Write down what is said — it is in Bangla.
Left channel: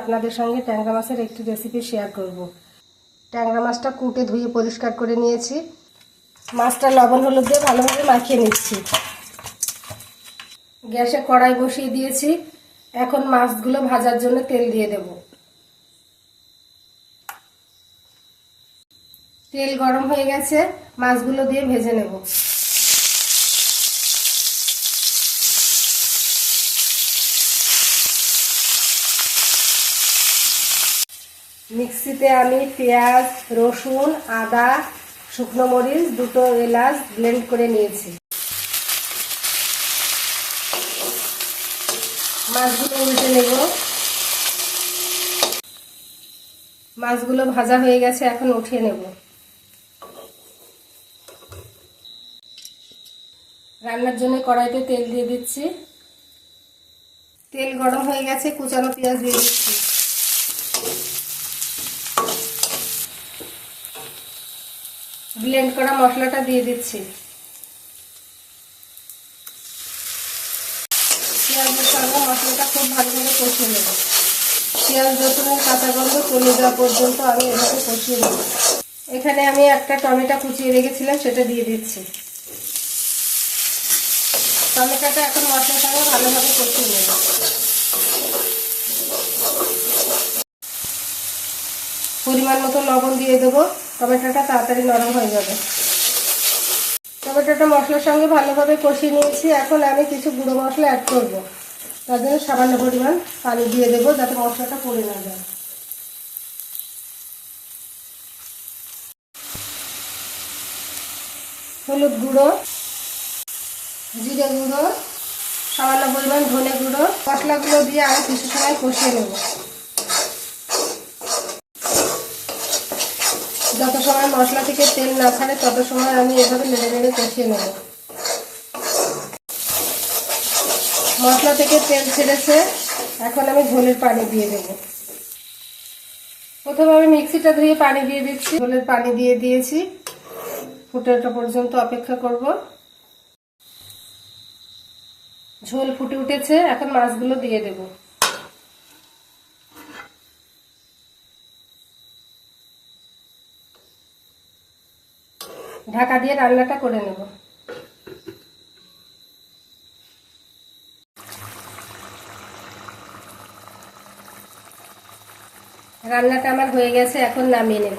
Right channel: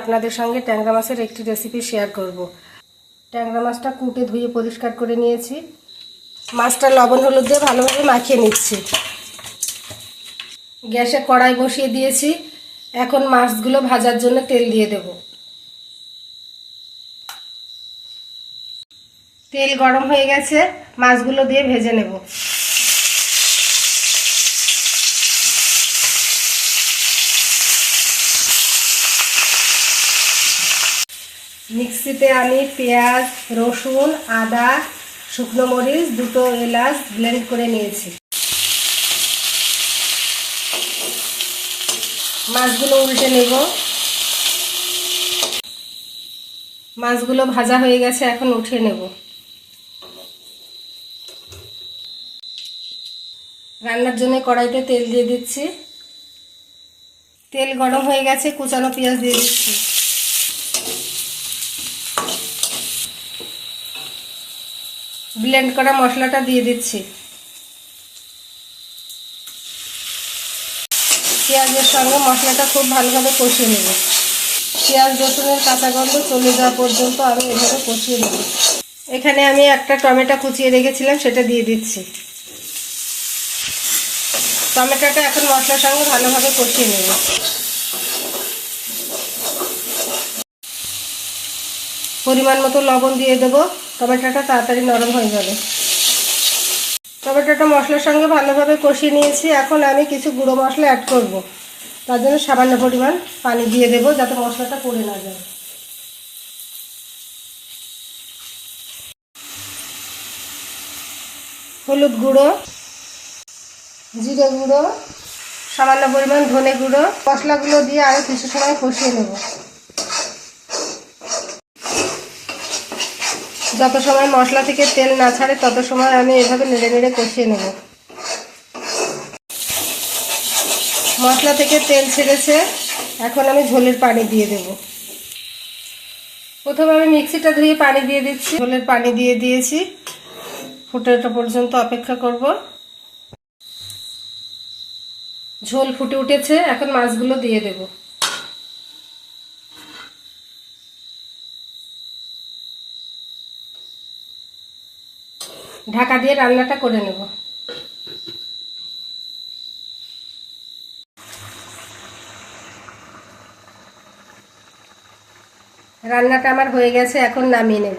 আপনাদের সঙ্গে ট্যাংরা মাছের একটি রেসিপি শেয়ার করব। ট্যাংরা মাছটা কুটে ধুয়ে পরিষ্কার করে নিয়েছি। মাছটা লবণ হলুদ দিয়ে ভালোভাবে মাখিয়ে নিচ্ছি। গ্যাসে কড়াই বসিয়ে দিয়েছি। এখন মাছগুলো ভাজার জন্য তেল দিয়ে দেব। তেল গরম হয়ে গেছে। মাছগুলো দিয়ে ভেজে নেব। মিক্সিতে আমি পেঁয়াজ, রসুন, আদা, শুকনো মরিচ দুটো এলাচ ব্লেন্ড করে নিয়েছি। মাছগুলো উল্টে নেব। মাছগুলো ভাজা হয়ে গেছে, এখন উঠিয়ে নেব। রান্নার জন্য কড়াইতে তেল দিয়ে দিচ্ছি। তেল গরম হয়ে গেছে, কুচানো পেঁয়াজ দিয়ে দিচ্ছি। ব্লেন্ড করা মশলাটা দিয়ে দিচ্ছি। পেঁয়াজের সঙ্গে মশলাটা খুব ভালোভাবে কষিয়ে নেব। পেঁয়াজ, রসুনের গন্ধ চলে যাওয়া পর্যন্ত আমি এভাবে কষিয়ে নেব। এখানে আমি একটা টমেটো কুচিয়ে রেখেছিলাম, সেটা দিয়ে দিচ্ছি। টমেটোটা এখন মশলার সঙ্গে ভালোভাবে কষিয়ে নেব। পরিমাণ মতো লবণ দিয়ে দেবো। টমেটোটা তাড়াতাড়ি নরম হয়ে যাবে। টমেটোটা মশলার সঙ্গে ভালোভাবে কষিয়ে নিয়েছি। এখন আমি কিছু গুঁড়ো মশলা অ্যাড করব। তার জন্য সামান্য পরিমাণ পানি দিয়ে দেবো যাতে মশলাটা পড়ে না যায়। হলুদ গুঁড়ো, জিরে গুঁড়ো, সামান্য পরিমাণ ধনে গুঁড়ো। মশলাগুলো দিয়ে আরও কিছু সময় কষিয়ে নেব। যত সময় মশলা থেকে তেল না ছাড়ে, তত সময় আমি এভাবে নেড়ে নেড়ে কষিয়ে নেব। মশলা থেকে তেল ছেড়েছে, এখন আমি ঝোলের পানি দিয়ে দেব। প্রথমে আমি মিক্সিটা ধুয়ে পানি দিয়ে দিচ্ছি। ঝোলের পানি দিয়ে দিয়েছি। ফুটে ওঠা পর্যন্ত অপেক্ষা করব। ঝোল ফুটে উঠেছে, এখন মাছগুলো দিয়ে দেবো। ঢাকা দিয়ে রান্নাটা করে নেব। রান্নাটা আমার হয়ে গেছে এখন নামিয়ে নেব।